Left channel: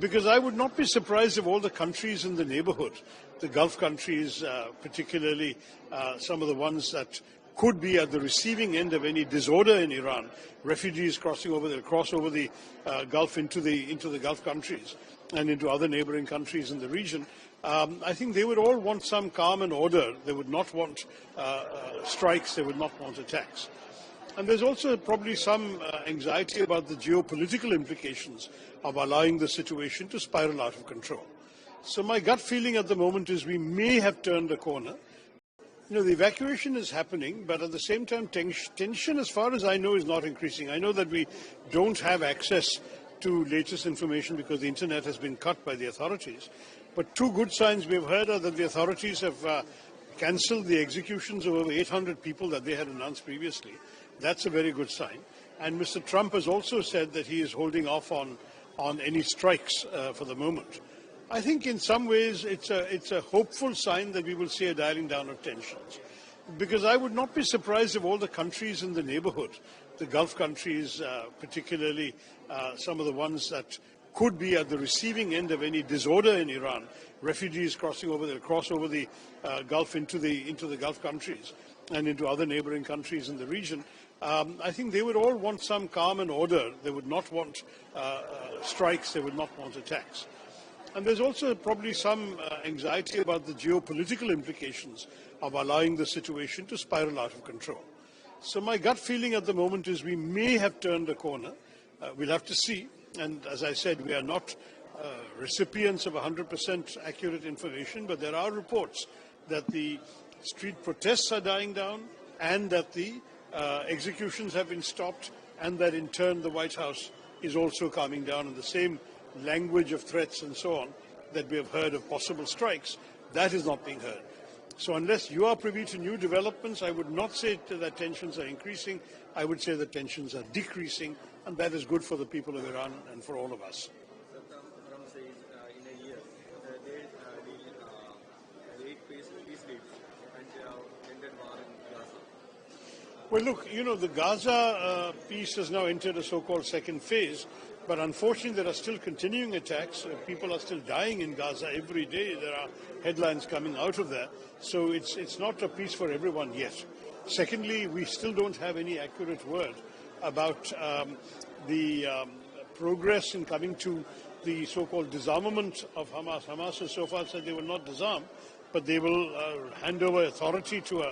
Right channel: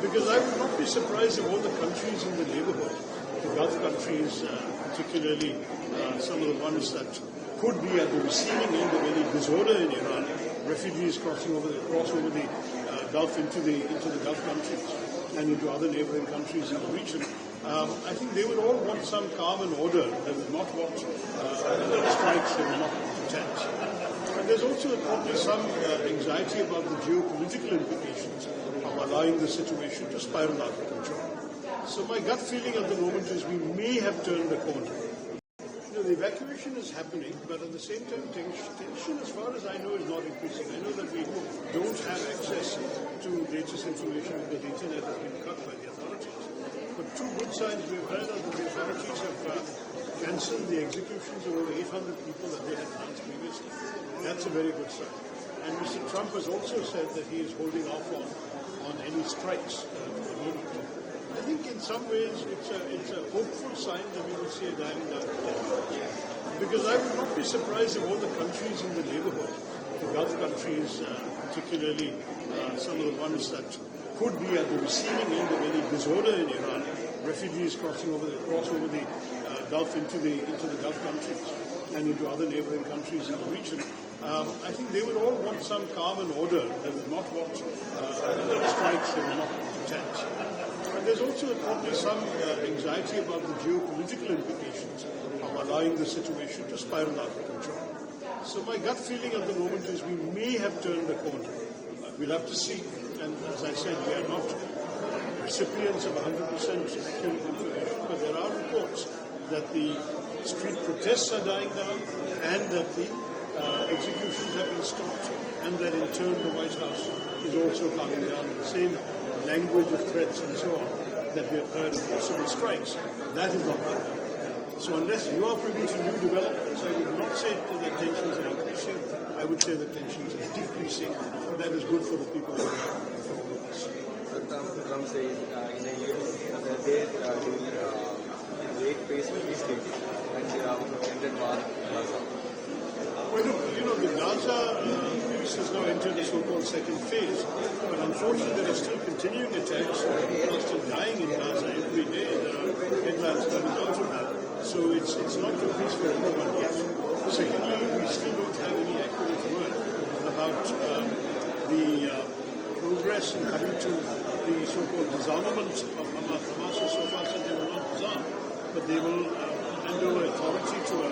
Because I would not be surprised if all the countries in the neighborhood, the Gulf countries particularly, some of the ones that could be at the receiving end of any disorder in Iran, refugees cross over the Gulf into the Gulf countries and into other neighboring countries in the region. I think they would all want some calm and order. They would not want strikes. They would not want attacks. And there's also probably some anxiety about the geopolitical implications of allowing the situation to spiral out of control. So my gut feeling at the moment is we may have turned a corner. The evacuation is happening, but at the same time, tension, as far as I know, is not increasing. I know that we don't have access to latest information because the internet has been cut by the authorities. But two good signs we've heard are that the authorities have cancelled the executions of over 800 people that they had announced previously. That's a very good sign. And Mr. Trump has also said that he is holding off on any strikes for the moment. I think in some ways it's a hopeful sign that we will see a dialing down of tensions. Because I would not be surprised if all the countries in the neighborhood, the Gulf countries particularly, some of the ones that could be at the receiving end of any disorder in Iran, refugees cross over the Gulf into the Gulf countries and into other neighboring countries in the region. I think they would all want some calm and order. They would not want strikes. They would not want attacks. And there's also probably some anxiety about the geopolitical implications of allowing the situation to spiral out of control. So my gut feeling at the moment is we may have turned a corner. We'll have to see. And as I said, we are not recipients of 100% accurate information, but there are reports that the street protests are dying down and that the executions have been stopped and that in turn the White House is also calming down in the same language of threats and so on that we have heard of possible strikes. That is not being heard. So unless you are privy to new developments, I would not say that tensions are increasing. I would say that tensions are decreasing, and that is good for the people of Iran and for all of us. Trump says in a year that they will break peace treaty and they have ended war in Gaza. Well, look, the Gaza peace has now entered a so-called second phase, but unfortunately there are still continuing attacks. People are still dying in Gaza every day. There are headlines coming out of that. So it's not a peace for everyone yet. Secondly, we still don't have any accurate word about the progress in coming to the so-called disarmament of Hamas. Hamas has so far said they will not disarm, but they will hand over authority to a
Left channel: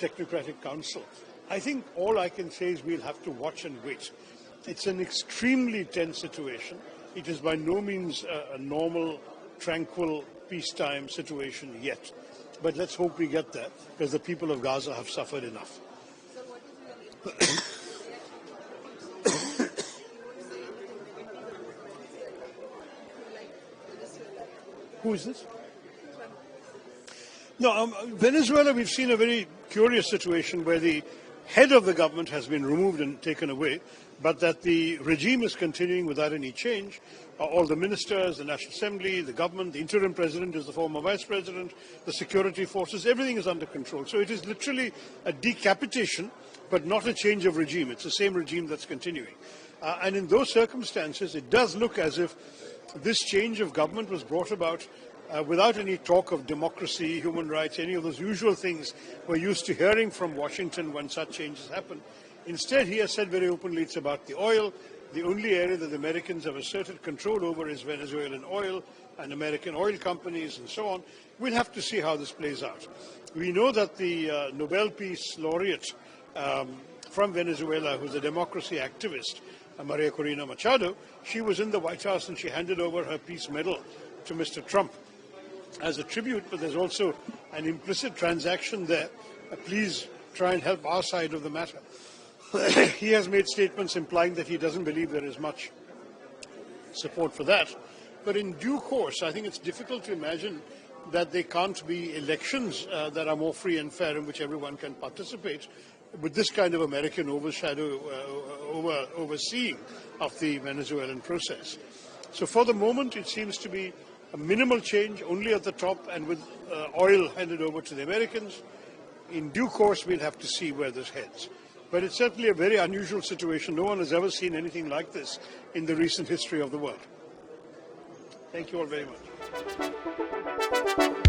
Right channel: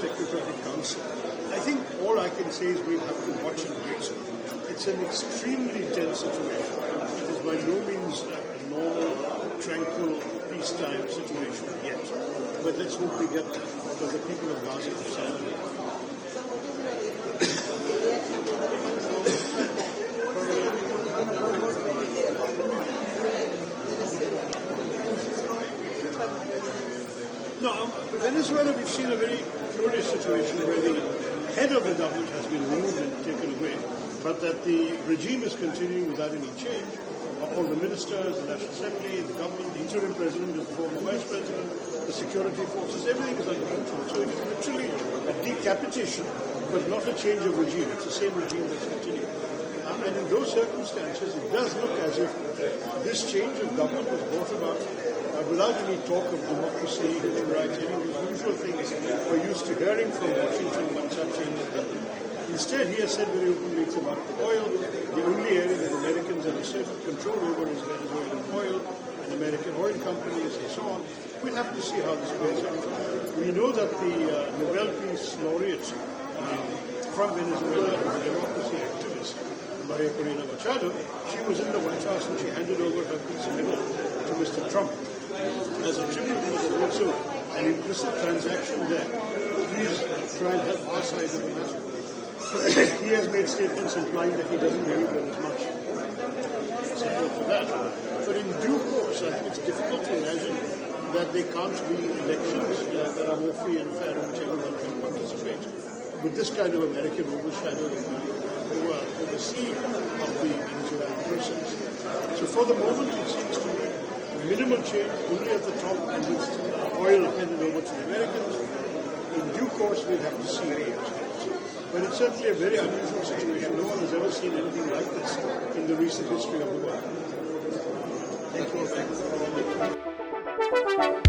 technocratic council. I think all I can say is we'll have to watch and wait. It's an extremely tense situation. It is by no means a normal, tranquil, peacetime situation yet. But let's hope we get there, because the people of Gaza have suffered enough. No, Venezuela, we've seen a very curious situation where the head of the government has been removed and taken away, but that the regime is continuing without any change. All the ministers, the National Assembly, the government, the interim president is the former vice president, the security forces, everything is under control. So it is literally a decapitation, but not a change of regime. It's the same regime that's continuing. And in those circumstances, it does look as if this change of government was brought about without any talk of democracy, human rights, any of those usual things we're used to hearing from Washington when such changes happen. Instead, he has said very openly it's about the oil. The only area that Americans have asserted control over is Venezuelan oil and American oil companies and so on. We'll have to see how this plays out. We know that the Nobel Peace Laureate from Venezuela, who's a democracy activist, Maria Corina Machado, she was in the White House and she handed over her peace medal to Mr. Trump as a tribute, but there's also an implicit transaction there. Please try and help our side of the matter. He has made statements implying that he doesn't believe there is much support for that. But in due course, I think it's difficult to imagine that there can't be elections that are more free and fair in which everyone can participate with this kind of American overseeing of the Venezuelan process. So for the moment, it seems to be minimal change, only at the top, and with oil handed over to the Americans. In due course, we'll have to see where this heads. But it's certainly a very unusual situation. No one has ever seen anything like this in the recent history of the world. Thank you all very much.